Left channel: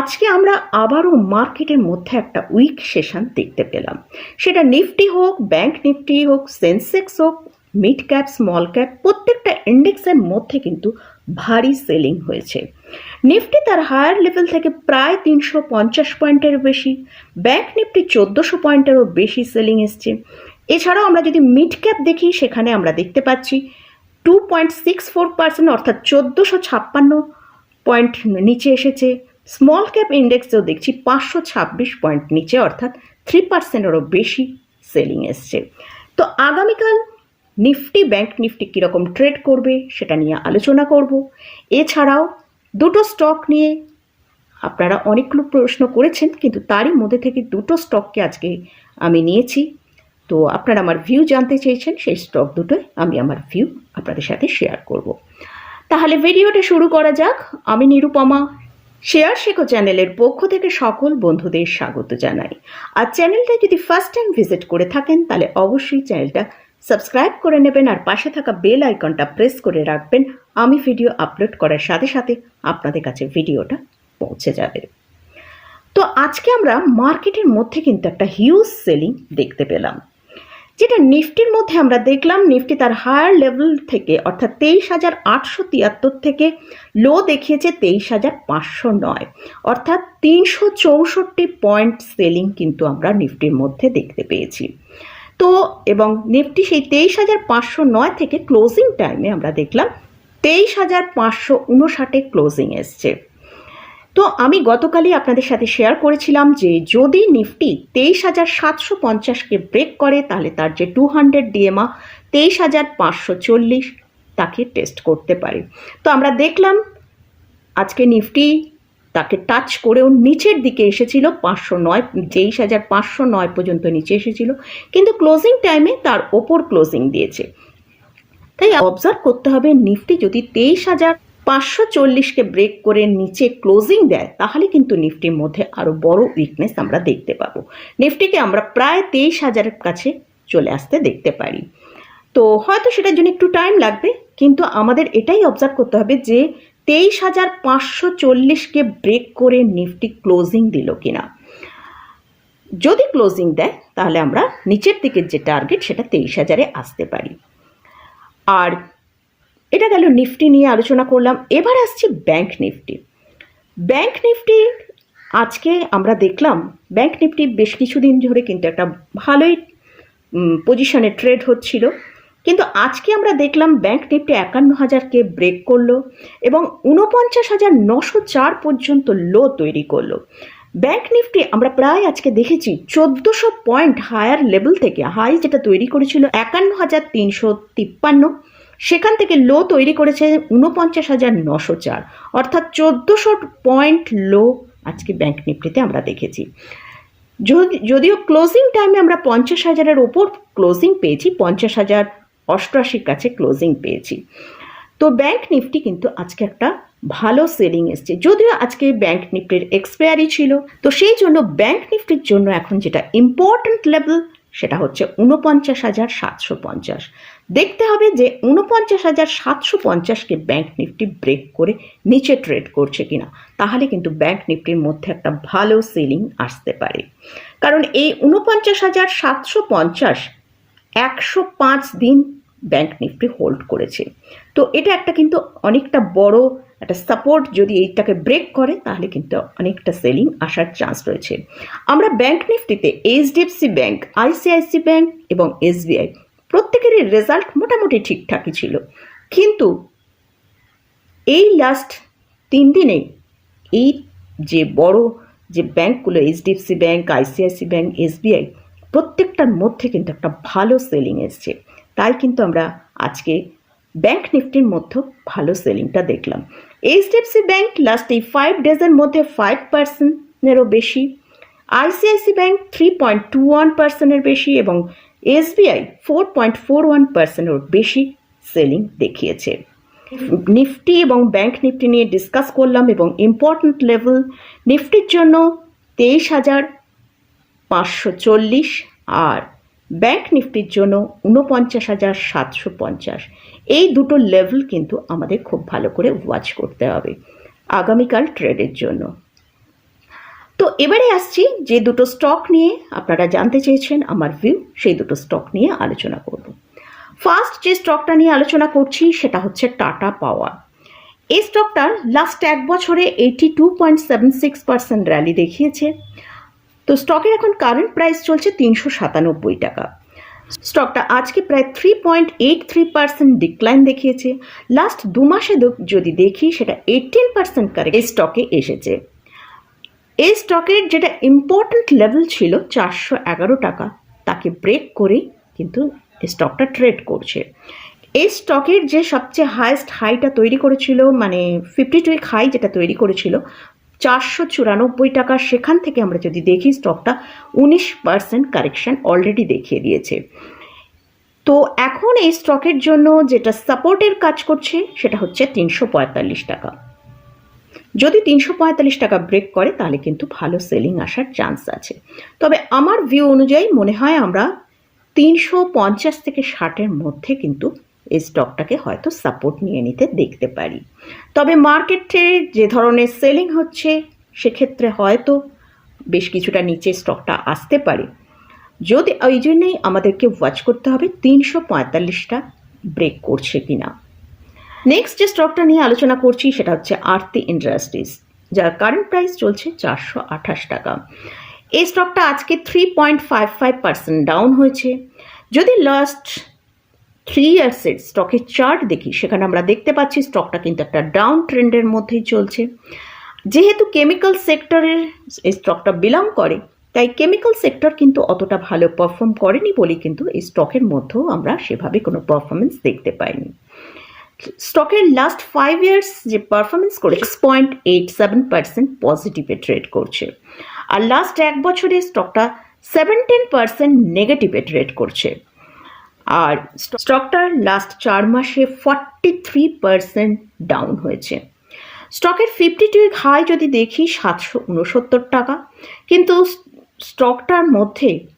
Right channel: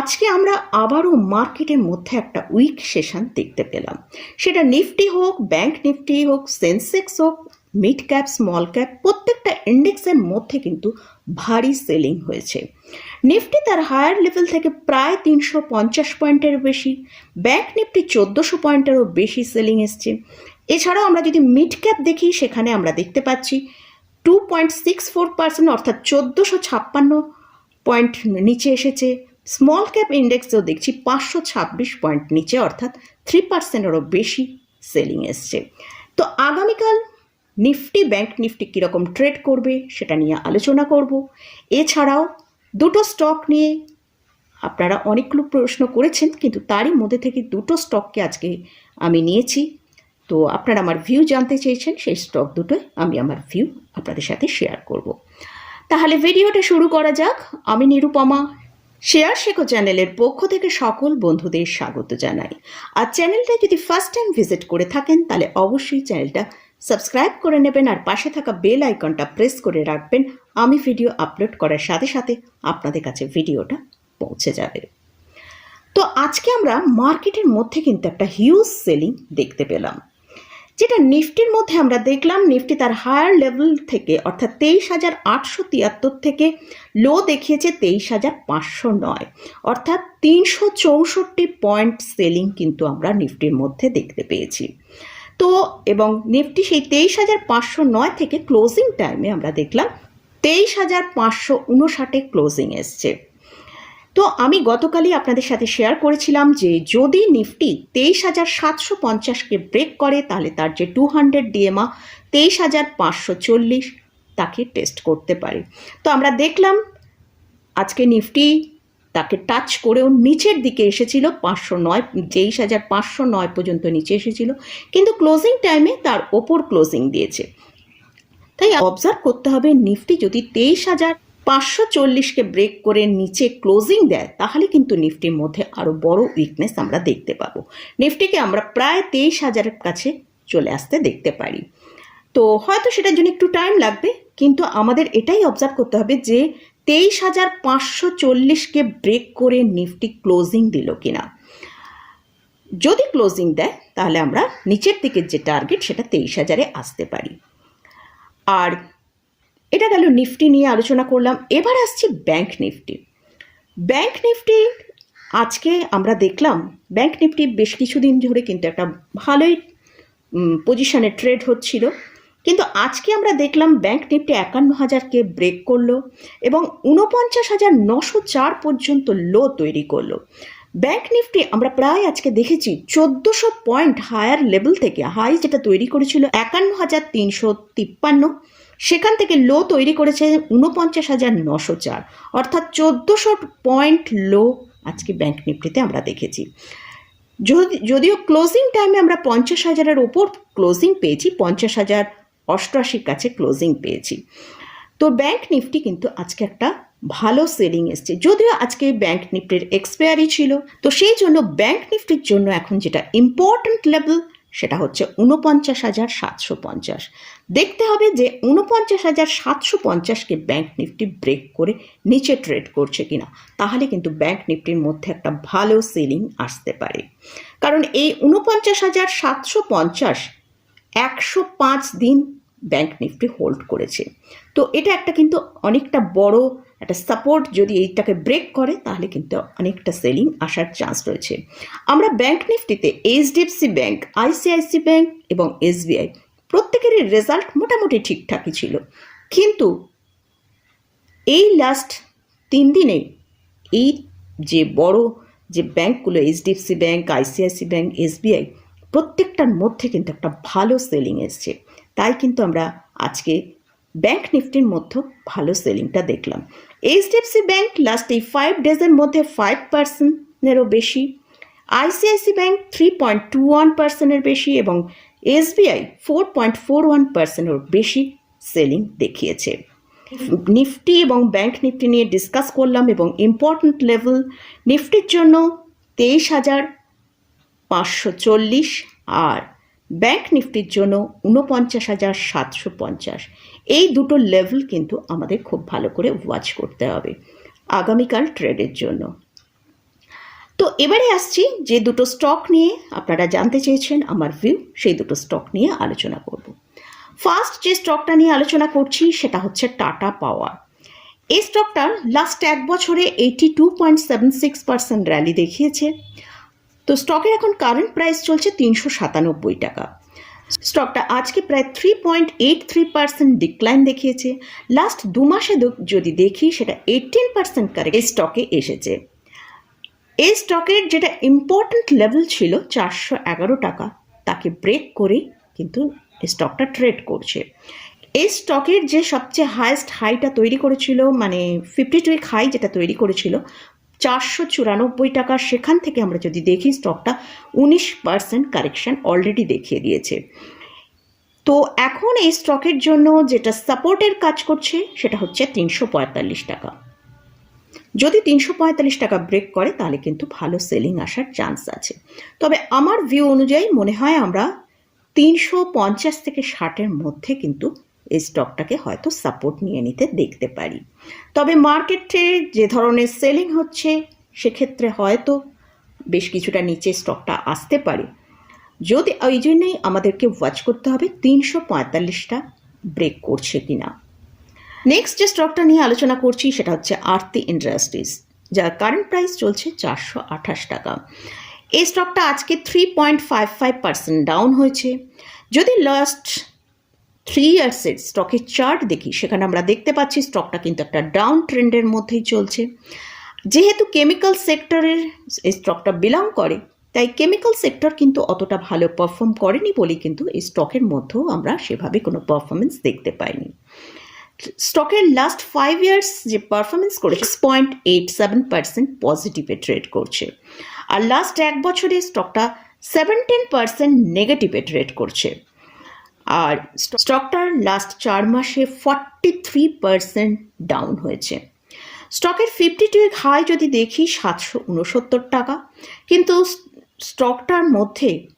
আজকে আমরা আবারও মার্কেটের মধ্যে একটা উইক সেশন দেখতে পেলাম। সেটা নিফটি হোক, ব্যাংক নিফটি হোক, সেন্সেক্স হোক, মিড ক্যাপ, স্মল ক্যাপ, প্রত্যেকটা ইন্ডেক্সের মধ্যে কিন্তু ভারী সেলিং হয়েছে। নিফটি তার হায়ার লেভেল থেকে প্রায় তিনশো পঞ্চাশ পয়েন্টেরও বেশি, ব্যাংক নিফটি চোদ্দোশো পয়েন্টেরও বেশি সেলিং এসছে। এছাড়াও আমরা যদি মিড ক্যাপ দেখি, সেখানে আমরা দেখতে পাচ্ছি two point six four percent অর্থাৎ চোদ্দোশো ছাপ্পান্ন পয়েন্ট নিচে এসেছে। স্মল ক্যাপ ইন্ডেক্সেও দেখছি পাঁচশো ছাব্বিশ পয়েন্ট নিচে, অর্থাৎ থ্রি পার্সেন্টেরও বেশি সেলিং এসছে। তো আগামীকাল নিফটি, ব্যাংক নিফটি কীরকম ট্রেড করবে সেটা নিয়ে আলোচনা করব। এছাড়াও দুটো স্টক নিয়ে আপনারা অনেকগুলো প্রশ্ন করেছেন, কিন্তু তারই মধ্যে থেকে দুটো স্টককে আজকে আমি নিয়েছি। তো আপনারা আমার ভিউ জানতে চেয়েছেন, সেই স্টক দুটোই আমি আমার ভিউ আপনাদের সাথে শেয়ার করব। তাহলে ভিডিওটা শুরু করা যাক। আমি নিরুপমা শেয়ার শেখো চ্যানেলের পক্ষ থেকে সকল বন্ধুদের স্বাগত জানাই। আর চ্যানেলটা যদি ফার্স্ট টাইম ভিজিট করে থাকেন, তাহলে অবশ্যই চ্যানেলটা সাবস্ক্রাইব করে নেবেন আর পাশে থাকা বেল আইকনটা প্রেস করে রাখবেন। আমি ভিডিও আপলোড করার সাথে সাথে আপনাদের কাছে ভিডিওটা পৌঁছে যাবে। তো আজকে আমরা মার্কেটের মধ্যে কিন্তু একটা হিউজ সেলিং দেখতে পেলাম। যেটা নিফটির মধ্যে আমরা দেখলাম, নিফটি তার হায়ার লেভেল থেকে, অর্থাৎ তেইশ হাজার আটশো তিয়াত্তর থেকে লো দেখিয়েছে তেইশ হাজার পাঁচশো নয়। অর্থাৎ তিনশো চৌষট্টি পয়েন্ট সেলিং কিন্তু আমরা নিফটির মধ্যে দেখতে পেয়েছি। তো, এবং নিফটি সেই তেইশ হাজার পাঁচশো নয় থেকে ক্লোজিং টাইমে আমরা দেখলাম, তেইশ হাজার পাঁচশো উনষাটে ক্লোজিং এসছে। তো আমি গতকালই আপনাদের সাথে শেয়ার করেছিলাম যে যদি নিফটি তেইশ হাজার সাতশো পঞ্চাশকে ব্রেক করে, তাহলে তার যে টু হান্ড্রেড ডিএমা তেইশ হাজার পাঁচশো চল্লিশ তাকে টেস্ট করতে পারে। তো আমরা দেখলাম আজকে নিফটি তাকে টাচ করেও নিচের দিকে এসেছিল, পাঁচশো নয়, তেইশ হাজার পাঁচশো নয় পর্যন্ত নিচে এসেছিল, কিন্তু ক্লোজিং টাইমে তার ওপর ক্লোজিং দিয়েছে। তাই অবজার্ভ করতে হবে, নিফটি যদি তেইশ হাজার পাঁচশো চল্লিশকে ব্রেক করে নিচে ক্লোজিং দেয়, তাহলে কিন্তু নিফটির মধ্যে আরও বড় উইকনেস আমরা দেখতে পাবো। নিফটিকে আমরা প্রায় তেইশ হাজারের কাছে চলে আসতে দেখতে পারি। তো হয়তো সেটার জন্য একটু টাইম লাগবে, কিন্তু আমাদের এটাই অবজার্ভ করতে হবে যে তেইশ হাজার পাঁচশো চল্লিশকে ব্রেক করে নিফটি ক্লোজিং দিল কিনা। যদি ক্লোজিং দেয়, তাহলে আমরা নিচের দিকের যে টার্গেট সেটা তেইশ হাজারে আসতে পারি। আর এটা গেল নিফটি নিয়ে আলোচনা করলাম। এবার আসছি ব্যাংক নিফটি। ব্যাংক নিফটি, আজকে আমরা দেখলাম ব্যাংক নিফটি বেশ কিছুদিন ধরে কিন্তু একটা ভালোই পজিশনে ট্রেড হচ্ছিল। কিন্তু আজকে আমরা দেখলাম ব্যাংক নিফটি একান্ন হাজারকে ব্রেক করল এবং উনপঞ্চাশ হাজার নশো চার পর্যন্ত লো তৈরি করল। ব্যাংক নিফটি আমরা প্রায় আজকে দেখেছি চোদ্দোশো পয়েন্ট হায়ার লেভেল থেকে হাই যেটা তৈরি করেছিল একান্ন হাজার তিনশো তিপ্পান্ন। সেখান থেকে লো তৈরি করেছে উনপঞ্চাশ হাজার নশো চার, অর্থাৎ চোদ্দোশো পয়েন্ট লো আজকে ব্যাংক নিফটিতে আমরা দেখেছি। যদি, যদিও ক্লোজিং টাইমে আমরা পঞ্চাশ হাজারের ওপর ক্লোজিং পেয়েছি, পঞ্চাশ হাজার অষ্টআশির কাছে ক্লোজিং পেয়েছি। তো ব্যাংক নিফটি কিন্তু আজকে একটা ভালো সেলিং এসছে। যদিও আজকে ব্যাংক নিফটির এক্সপায়ারি ছিল, তো সেই জন্য ব্যাংক নিফটির জন্য এখন যেটা ইম্পর্ট্যান্ট লেভেল সেটা হচ্ছে উনপঞ্চাশ হাজার সাতশো পঞ্চাশ। দেখতে হবে যে উনপঞ্চাশ হাজার সাতশো পঞ্চাশকে ব্যাঙ্ক নিফটি ব্রেক করে নিচে ট্রেড করছে কিনা। তাহলে কিন্তু ব্যাঙ্ক নিফটির মধ্যে একটা ভালো সেলিং আসতে পারে। কারণ এই উনপঞ্চাশ হাজার সাতশো পঞ্চাশ একশো পাঁচ দিন ব্যাঙ্ক নিফটি হোল্ড করেছে। তো এটা একটা কিন্তু অনেকটা বড় একটা সাপোর্ট যদি এইটাকে ব্রেক করে, তাহলে কিন্তু অনেকটা সেলিং আসার চান্স রয়েছে। আমরা ব্যাংক নিফটিতে এইচডিএফসি ব্যাংক আইসিআইসি ব্যাংক এবং এসবিআই প্রত্যেকেরই রেজাল্ট মোটামুটি ঠিকঠাকই ছিল। কিন্তু এই লাস্ট তিন দিনে এই যে বড় যে ব্যাংকগুলো HDFC bank ICICI bank SBI প্রত্যেকটার মধ্যে কিন্তু একটা ভালো সেলিং এসছে। তাই কিন্তু আমরা আজকে ব্যাংক নিফটির মধ্যে ভালো সেলিংটা দেখলাম। এইচডিএফসি ব্যাংক লাস্ট এই ফাইভ ডেজের মধ্যে ফাইভ পার্সেন্টেরও বেশি। ICICI bank three point two one পার্সেন্টের বেশি এবং SBI four point four one পার্সেন্টের বেশি সেলিং দেখিয়েছে। নিফটি এবং ব্যাংক নিফটি নিয়ে ডিসকাস করলাম এবং ইম্পর্ট্যান্ট লেভেল নিফটির জন্য তেইশ হাজার পাঁচশো চল্লিশ আর ব্যাংক নিফটির জন্য উনপঞ্চাশ হাজার সাতশো পঞ্চাশ। এই দুটো লেভেল কিন্তু আমাদের খুব ভালো করে ওয়াচ করতে হবে আগামীকাল ট্রেডের জন্য। তো এবারে আসছি যে দুটো স্টক নিয়ে আপনারা জানতে চেয়েছেন, আমার ভিউ সেই দুটো স্টক নিয়ে আলোচনা করব। ফার্স্ট যে স্টকটা নিয়ে আলোচনা করছি সেটা হচ্ছে টাটা পাওয়ার এই স্টকটার লাস্ট এক বছরে eighty two point seven six percent rally দেখিয়েছে। তো স্টকের এখন কারেন্ট প্রাইস চলছে তিনশো সাতানব্বই টাকা। স্টকটা আজকে প্রায় three point eight three percent decline দেখিয়েছে। লাস্ট দু মাসে যদি দেখি, সেটা এইটিন পার্সেন্ট কারেক্ট এই স্টকে এসেছে। এই স্টকের যেটা ইম্পর্ট্যান্ট লেভেল ছিল চারশো এগারো টাকা, তাকে ব্রেক করে কিন্তু স্টকটা ট্রেড করছে। এই স্টকের যে সবচেয়ে হায়েস্ট হাইটা তৈরি করেছিল মানে ফিফটি টু হাই যেটা তৈরি করেছিল চারশো চুরানব্বই টাকা সেখান থেকে আমরা যদি দেখি স্টকটা উনিশ পার্সেন্ট কারেকশন অলরেডি দেখিয়ে দিয়েছে। তো এখন এই স্টকের জন্য যেটা সাপোর্টের কাজ করছে, সেটা হচ্ছে তিনশো পঁয়তাল্লিশ টাকা। যদি তিনশো পঁয়তাল্লিশ টাকা ব্রেক করে, তাহলে কিন্তু ভালো সেলিং আসার চান্স আছে। তবে আমার ভিউ অনুযায়ী মনে হয় আমরা তিনশো পঞ্চাশ থেকে ষাটের মধ্যে কিন্তু এই স্টকটাকে হয়তো সাপোর্ট নিয়ে নিতে দেখতে পারি। তবে মার্কেটে যে ধরনের সেলিং হচ্ছে, সেক্ষেত্রে হয়তো বেশ কিছুটা নিচে স্টকটা আসতে পারে। যদি ওই জন্যেই আমাদেরকে ওয়াচ করতে হবে তিনশো পঁয়তাল্লিশটা ব্রেক করছে কিনা। নেক্সট যে স্টকটা নিয়ে আলোচনা করছি, সেটা হচ্ছে আরতি ইন্ডাস্ট্রিজ যার কারেন্ট প্রাইস চলছে চারশো আঠাশ টাকা। এই স্টকটা আজকে three point five five percent down হয়েছে। যদি লাস্ট থ্রি ইয়ার্সের স্টকের চার্ট দেখি, সেখানে আমরা দেখতে পাচ্ছি স্টকটা কিন্তু একটা ডাউন ট্রেন্ডের মধ্যেই চলছে। যেহেতু কেমিক্যাল সেক্টরের এই স্টকটা বিলং করে, তাই কেমিক্যাল সেক্টর কিন্তু অতটা ভালো পারফর্ম করেনি বলে কিন্তু এই স্টকের মধ্যেও আমরা সেভাবে কোনো পারফরমেন্স দেখতে পাইনি। স্টকের লাস্ট ফাইভ ইয়ার্স যে পারফরমেন্স করে six point eight seven percent পজিটিভে trade করছে। আর লাস্ট এক বছরে স্টকটা সেভেন্টিন পার্সেন্ট নেগেটিভে ট্রেড করছে। আর স্টকটার লাস্ট চার মাসে ফর্টি থ্রি পার্সেন্ট ডাউন হয়েছে। স্টকের ফিফটি টু হাই যদি দেখি সাতশো উনসত্তর টাকা। কিন্তু স্টকটার মধ্যে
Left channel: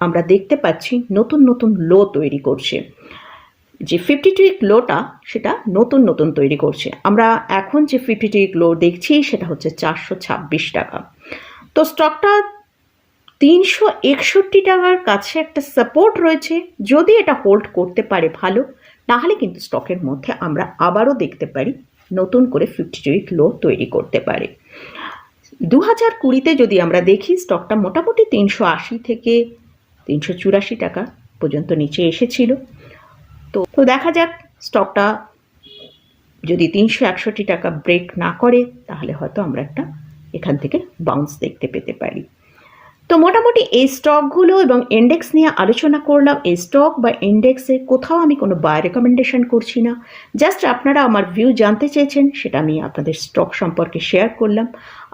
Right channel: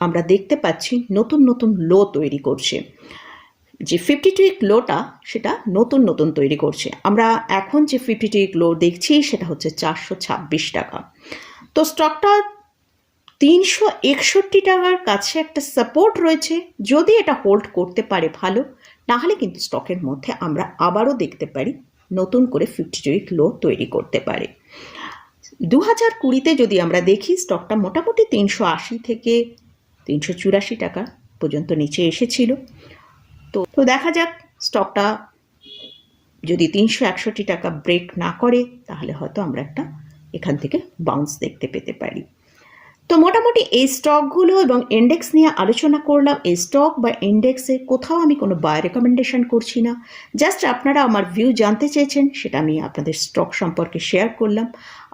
আমরা দেখতে পাচ্ছি নতুন নতুন লো তৈরি করছে। যে ফিফটি টু লোটা সেটা নতুন নতুন তৈরি করছে। আমরা এখন যে ফিফটি টু লো দেখছি সেটা হচ্ছে চারশো ছাব্বিশ টাকা। তো স্টকটা তিনশো একষট্টি টাকার কাছে একটা সাপোর্ট রয়েছে। যদি এটা হোল্ড করতে পারে ভালো, নাহলে কিন্তু স্টকের মধ্যে আমরা আবারও দেখতে পারি নতুন করে ফিফটি উইক লো তৈরি করতে পারে। দু হাজার কুড়িতে যদি আমরা দেখি স্টকটা মোটামুটি তিনশো আশি থেকে তিনশো চুরাশি টাকা পর্যন্ত নিচে এসেছিল। তো তো দেখা যাক স্টকটা যদি তিনশো একষট্টি টাকা ব্রেক না করে, তাহলে হয়তো আমরা একটা এখান থেকে বাউন্স দেখতে পেতে পারি। তো মোটামুটি এই স্টকগুলো এবং ইন্ডেক্স নিয়ে আলোচনা করলাম। এই স্টক বা ইন্ডেক্সে কোথাও আমি কোনো বাই রেকমেন্ডেশন করছি না। জাস্ট আপনারা আমার ভিউ জানতে চেয়েছেন, সেটা আমি আপনাদের স্টক সম্পর্কে শেয়ার করলাম।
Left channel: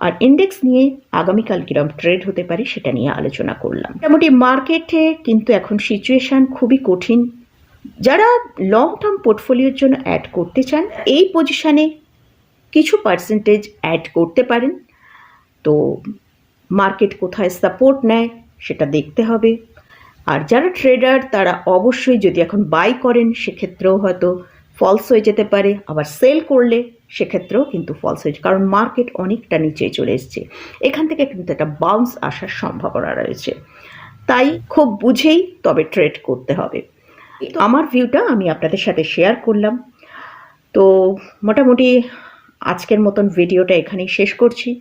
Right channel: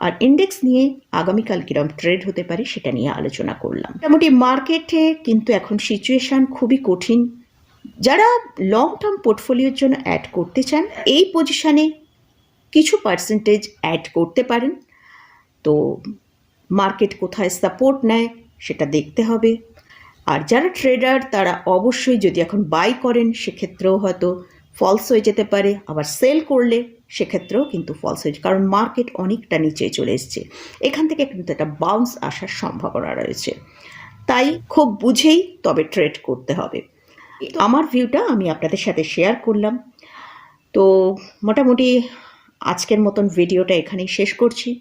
আর ইন্ডেক্স নিয়ে আগামীকাল কীরকম ট্রেড হতে পারে, সেটা নিয়ে আলোচনা করলাম। মোটামুটি মার্কেটে কিন্তু এখন সিচুয়েশান খুবই কঠিন। যারা লং টার্ম পোর্টফোলিওর জন্য অ্যাড করতে চান, এই পজিশানে কিছু পার্সেন্টেজ অ্যাড করতে পারেন। তো মার্কেট কোথায় সাপোর্ট নেয় সেটা দেখতে হবে। আর যারা ট্রেডার, তারা অবশ্যই যদি এখন বাই করেন, সেক্ষেত্রেও হয়তো ফলস হয়ে যেতে পারে। আবার সেল করলে, সেক্ষেত্রেও কিন্তু ফলস হয়ে কারণ মার্কেট অনেকটা নিচে চলে এসছে। এখান থেকে কিন্তু একটা বাউন্স আসার সম্ভাবনা রয়েছে। তাই খুব বুঝেই তবে ট্রেড করতে হবে। আমার ভিউটা আমি আপনাদের সাথে শেয়ার করলাম। তো মোটামুটি আজকের মতন ভিডিওটা এখানেই শেষ করছি।